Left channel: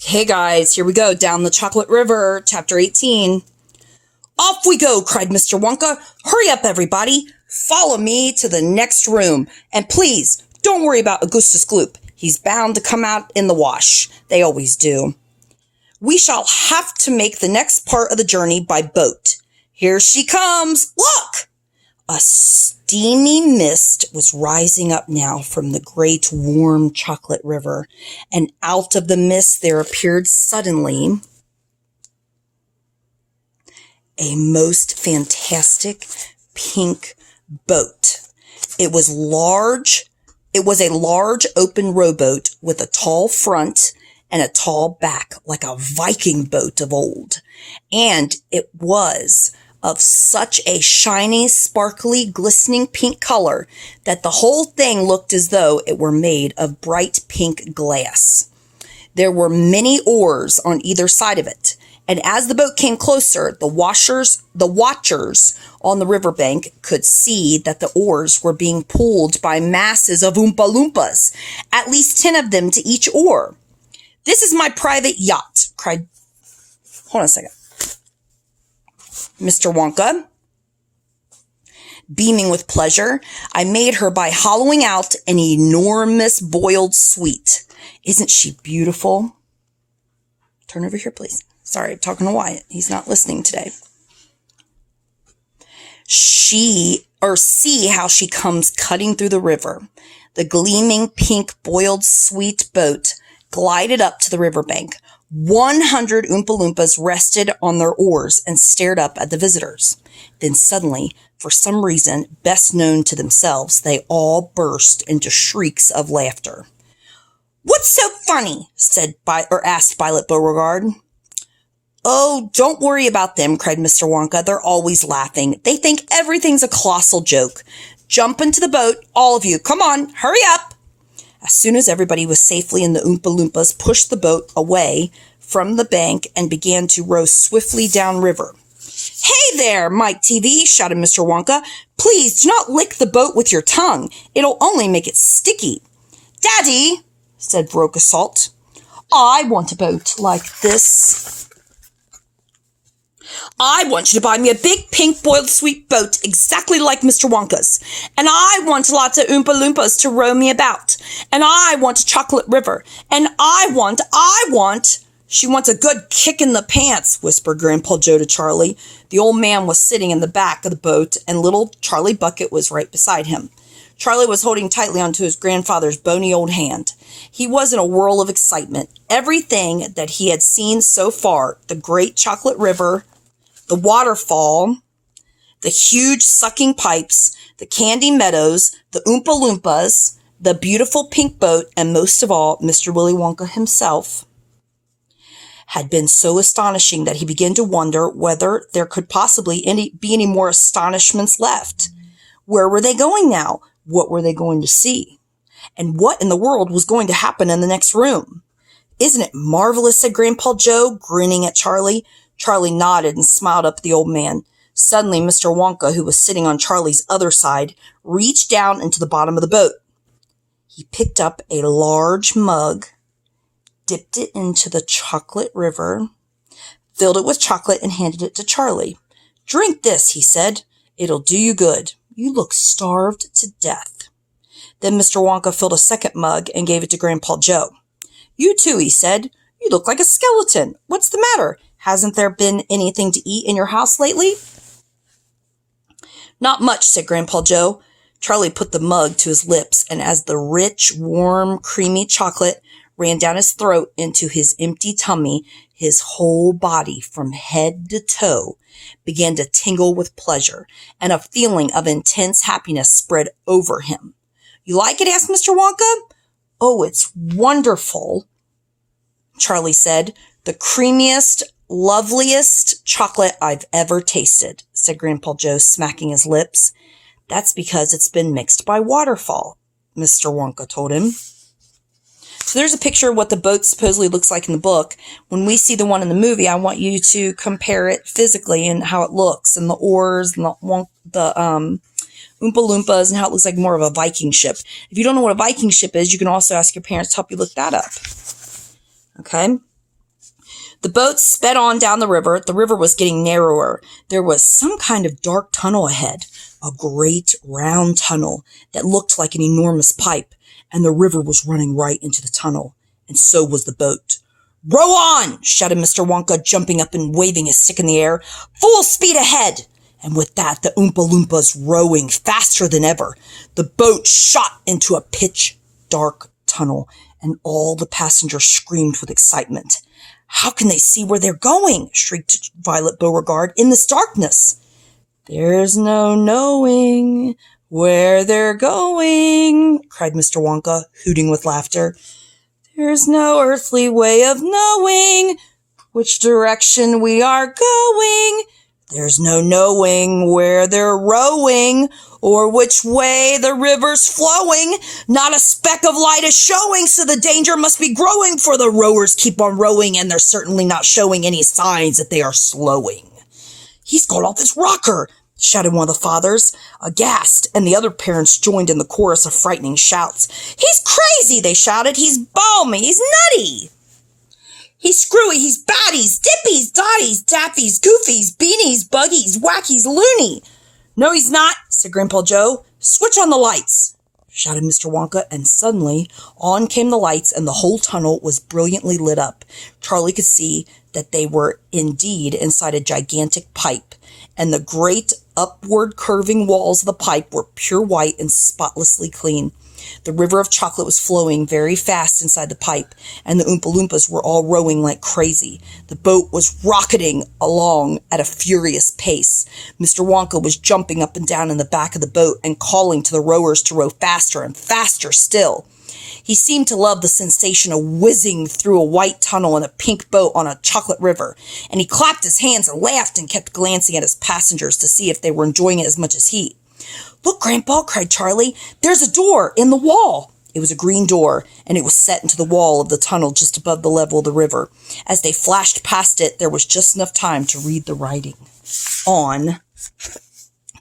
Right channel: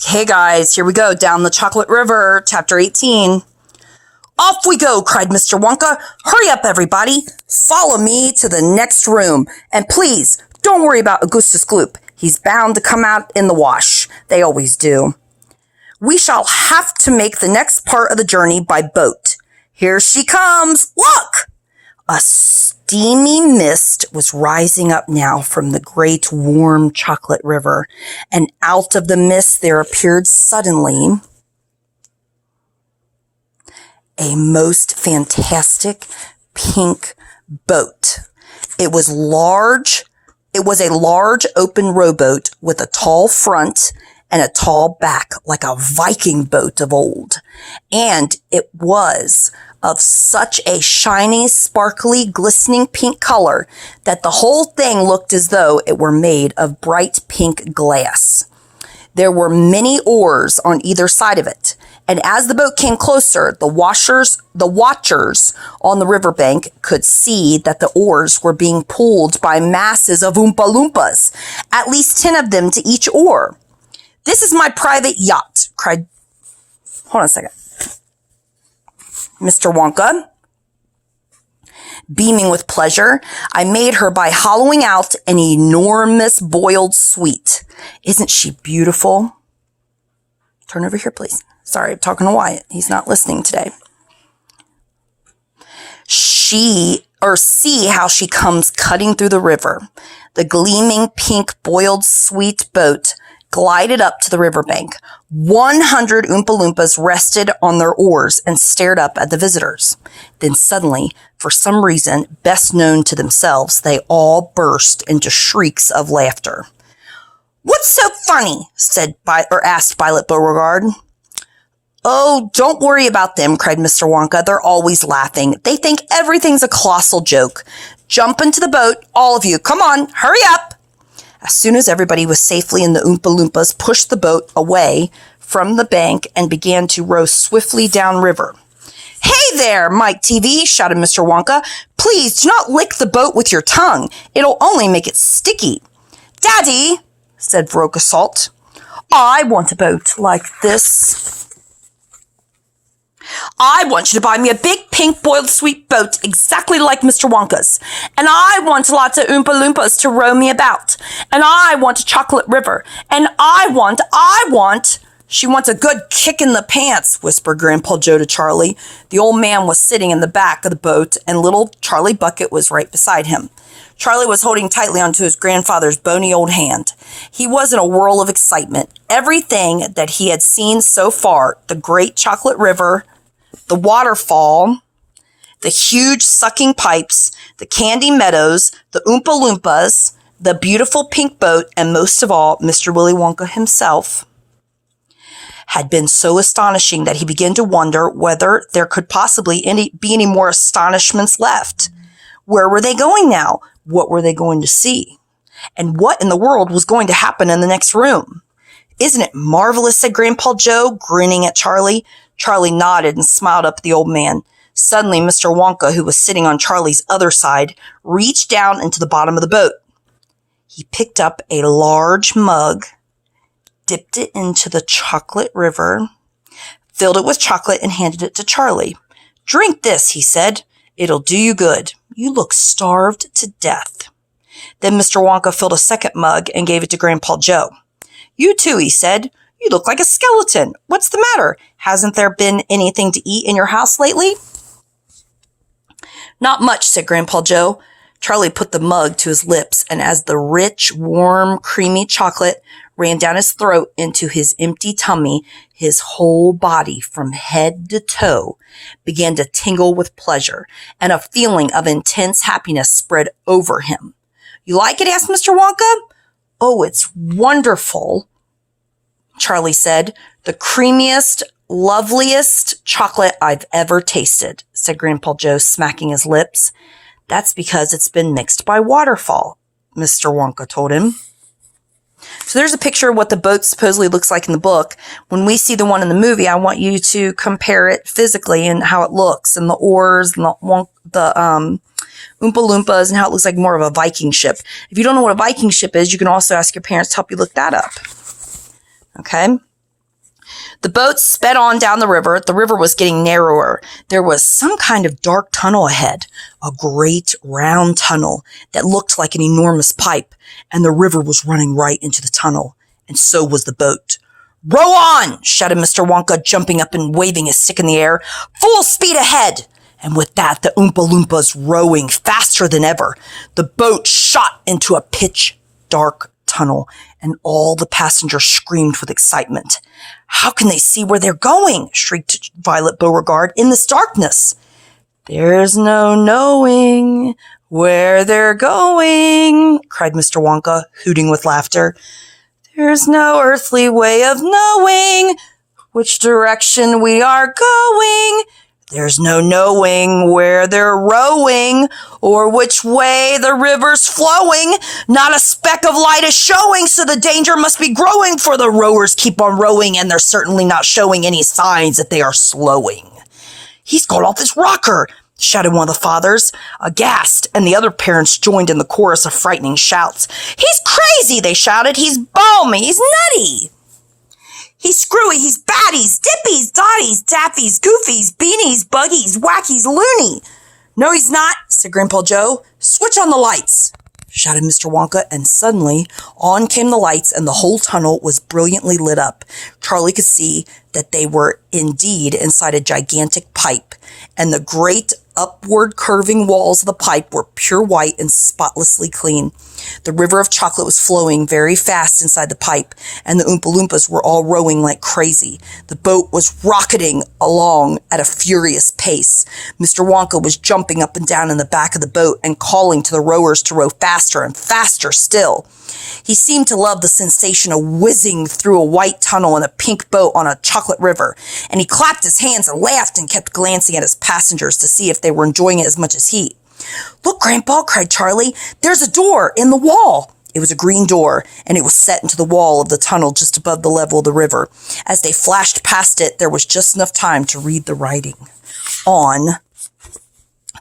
Hey guys, here we go, down the Chocolate River, chapter 18. Off we go, cried Mr. Wonka. Hurry up, everybody. Follow me to the next room. And please, don't worry about Augustus Gloop. He's bound to come out in the wash. They always do. We shall have to make the next part of the journey by boat. Here she comes. Look! A steamy mist was rising up now from the great warm chocolate river, and out of the mist there appeared suddenly a most fantastic pink boat. It was large. It was a large open rowboat with a tall front and a tall back, like a Viking boat of old. And it was of such a shiny, sparkly, glistening pink color that the whole thing looked as though it were made of bright pink glass. There were many oars on either side of it, and as the boat came closer, the watchers on the riverbank could see that the oars were being pulled by masses of Oompa Loompas, at least 10 of them to each oar. "This is my private yacht," cried... Hold on a second. Mr. Wonka, beaming with pleasure. "I made her by hollowing out an enormous boiled sweet. Isn't she beautiful?" Turn over here, please. Sorry, I'm talking to Wyatt. He's not listening today. See how she comes cutting through the river. The gleaming pink boiled sweet boat glided up to the riverbank. 100 Oompa Loompas rested on their oars and stared up at the visitors. Then suddenly, for some reason best known to themselves, they all burst into shrieks of laughter. "What's so funny?" asked Violet Beauregard. "Oh, don't worry about them," cried Mr. Wonka. "They're always laughing. They think everything's a colossal joke. Jump into the boat, all of you. Come on, hurry up." As soon as everybody was safely in, the Oompa Loompas pushed the boat away from the bank and began to row swiftly downriver. "Hey there, Mike TV," shouted Mr. Wonka. "Please do not lick the boat with your tongue. It'll only make it sticky." "Daddy," said Veruca Salt, "I want a boat like this. I want you to buy me a big pink boiled sweet boat exactly like Mr. Wonka's. And I want lots of Oompa Loompas to row me about. And I want a chocolate river. And I want... She wants a good kick in the pants," whispered Grandpa Joe to Charlie. The old man was sitting in the back of the boat, and little Charlie Bucket was right beside him. Charlie was holding tightly onto his grandfather's bony old hand. He was in a whirl of excitement. Everything that he had seen so far, the great chocolate river, the waterfall, the huge sucking pipes, the candy meadows, the Oompa Loompas, the beautiful pink boat, and most of all, Mr. Willy Wonka himself, had been so astonishing that he began to wonder whether there could possibly be any more astonishments left. Where were they going now? What were they going to see? And what in the world was going to happen in the next room? "Isn't it marvelous?" said Grandpa Joe, grinning at Charlie. Charlie nodded and smiled up at the old man. Suddenly, Mr. Wonka, who was sitting on Charlie's other side, reached down into the bottom of the boat. He picked up a large mug, dipped it into the chocolate river, filled it with chocolate, and handed it to Charlie. "Drink this," he said. "It'll do you good. You look starved to death." Then Mr. Wonka filled a second mug and gave it to Grandpa Joe. "You too," he said. "You look like a skeleton. What's the matter? Hasn't there been anything to eat in your house lately?" "Not much," said Grandpa Joe. Charlie put the mug to his lips, and as the rich, warm, creamy chocolate ran down his throat into his empty tummy, his whole body, from head to toe, began to tingle with pleasure, and a feeling of intense happiness spread over him. "You like it?" asked Mr. Wonka. "Oh, it's wonderful," Charlie said. "The creamiest, loveliest chocolate I've ever tasted," said Grandpa Joe, smacking his lips. "That's because it's been mixed by waterfall," Mr. Wonka told him. So there's a picture of what the boat supposedly looks like in the book. When we see the one in the movie, I want you to compare it physically and how it looks, and the oars and the Oompa Loompas and how it looks like more of a Viking ship. If you don't know what a Viking ship is, you can also ask your parents to help you look that up. Okay? The boat sped on down the river. The river was getting narrower. There was some kind of dark tunnel ahead, a great round tunnel that looked like an enormous pipe, and the river was running right into the tunnel, and so was the boat. "Row on!" shouted Mr. Wonka, jumping up and waving his stick in the air. "Full speed ahead!" And with that, the Oompa Loompas rowing faster than ever. The boat shot into a pitch-dark tunnel, and all the passengers screamed with excitement. "How can they see where they're going?" shrieked Violet Beauregard in this darkness. "There's no knowing where they're going," cried Mr. Wonka, hooting with laughter. "There's no earthly way of knowing which direction we are going. There's no knowing where they're rowing or which way the river's flowing. Not a speck of light is showing, so the danger must be growing, for the rowers keep on rowing, and they're certainly not showing any signs that they are slowing." "He's gone off his rocker," shouted one of the fathers, aghast, and the other parents joined in the chorus of frightening shouts. "He's crazy," they shouted. "He's balmy. He's nutty. He's screwy, he's baddies, dippies, dotties, daffies, goofies, beanies, buggies, wackies, loony." "No, he's not," said Grandpa Joe. "Switch on the lights," shouted Mr. Wonka, and suddenly on came the lights, and the whole tunnel was brilliantly lit up. Charlie could see that they were indeed inside a gigantic pipe, and the great upward curving walls of the pipe were pure white and spotlessly clean. The river of chocolate was flowing very fast inside the pipe, and the Oompa Loompas were all rowing like crazy. The boat was rocketing along at a furious pace. Mr. Wonka was jumping up and down in the back of the boat and calling to the rowers to row faster and faster still. He seemed to love the sensation of whizzing through a white tunnel in a pink boat on a chocolate river, and he clapped his hands and laughed and kept glancing at his passengers to see if they were enjoying it as much as he. "Look, Grandpa," cried Charlie. "There's a door in the wall." It was a green door, and it was set into the wall of the tunnel just above the level of the river. As they flashed past it, there was just enough time to read the writing on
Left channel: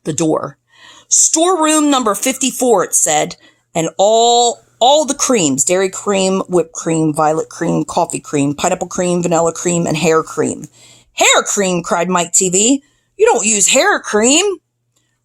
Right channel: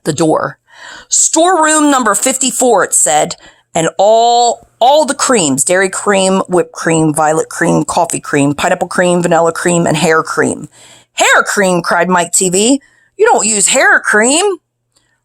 the door. "Storeroom number 54, it said, and all the creams: dairy cream, whipped cream, violet cream, coffee cream, pineapple cream, vanilla cream, and hair cream." "Hair cream!" cried Mike TV. "You don't use hair cream."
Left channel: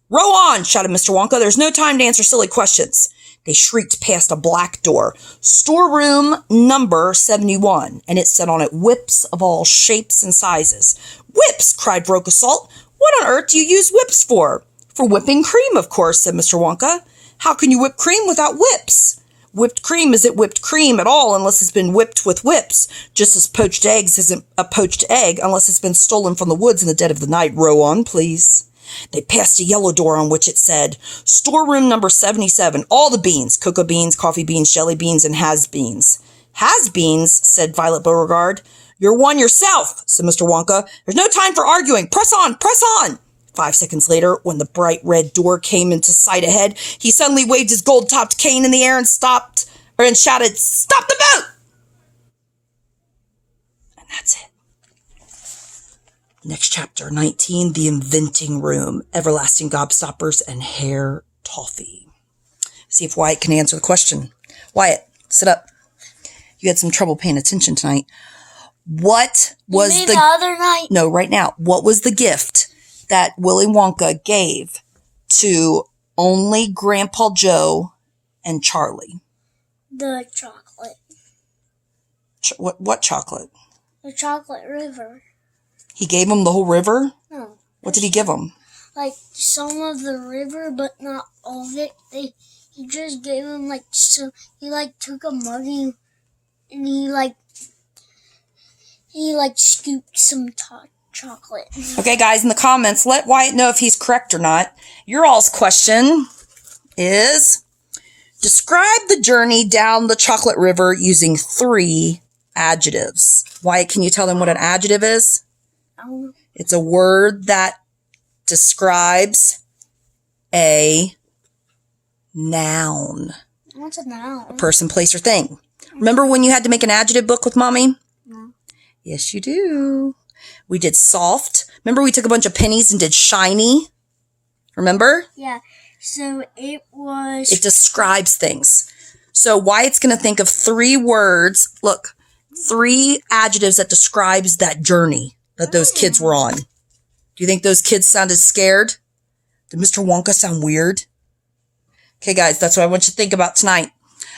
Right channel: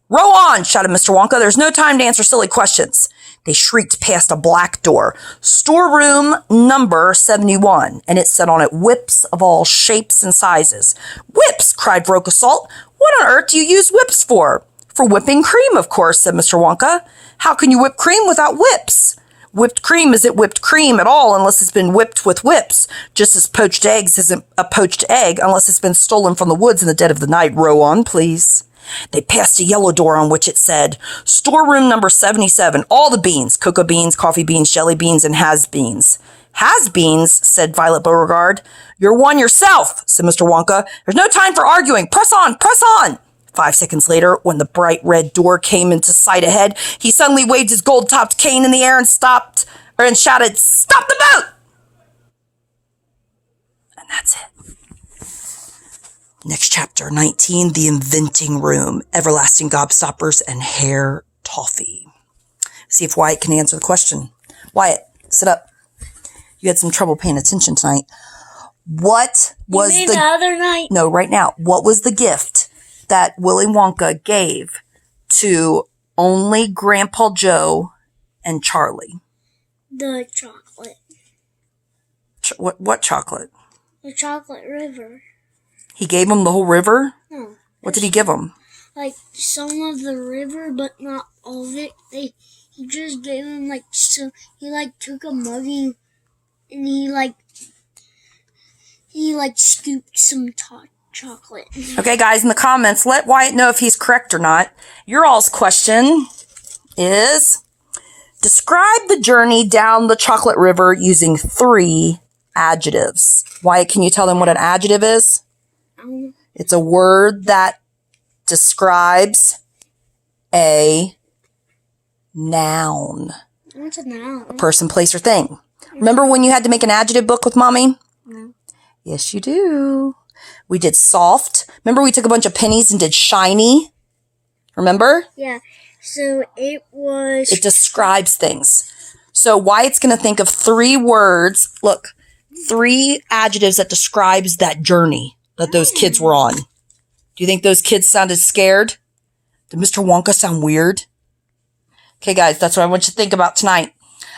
"Row on!" shouted Mr. Wonka. "There's no time to answer silly questions." They shrieked past a black door. "Storeroom number 71, and it said on it, "Whips of all shapes and sizes." "Whips!" cried Rocasalt. "What on earth do you use whips for?" "For whipping cream, of course," said Mr. Wonka. "How can you whip cream without whips?" Whipped cream isn't whipped cream at all unless it's been whipped with whips, just as poached eggs isn't a poached egg unless it's been stolen from the woods in the dead of the night. Row on, please. They passed a yellow door on which it said, "Storeroom number 77, all the beans: cocoa beans, coffee beans, jelly beans, and has-beans." "Has-beans?" said Violet Beauregard. "You're one yourself," said Mr. Wonka. "There's no time for arguing. Press on, press on." 5 seconds later, when the bright red door came into sight ahead, he suddenly waved his gold-topped cane in the air and shouted, "Stop the boat!" And that's it. Next chapter, 19, The Inventing Room, Everlasting Gobstoppers, and Hair Toffee. See if Wyatt can answer the question. Wyatt, sit up. You had some trouble paying attention tonight. What was the other night? No, right now. What was the gift that Willy Wonka gave to only Grandpa Joe and Charlie? The chocolate. What chocolate? The chocolate river. He gave them the whole river? No. What did he give them? Like some of the river, but not all of it. He just gave him he took a mug and he scooped some chocolate. Okay, guys, in the comments, let Wyatt know if he's correct or not. Your all's question is, describe the journey down the chocolate river using 3 adjectives. Wyatt, can you tell them what an adjective is? It's a word that describes a noun. What's a noun? A person, place, or thing. Remember when you had to make an adjective book with Mommy? No. Yes, you do. We did soft. Remember we took a bunch of pennies and did shiny? Remember? Yeah. So it was... It describes things. So Wyatt's going to think of 3 words. Look, 3 adjectives that describes that journey that those kids were on. Do you think those kids sounded scared? Did Mr. Wonka sound weird? Okay, guys, that's what I want you to think about tonight.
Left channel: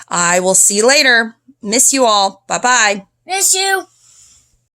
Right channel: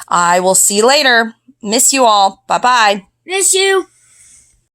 I will see you later. Miss you all. Bye-bye. Miss you.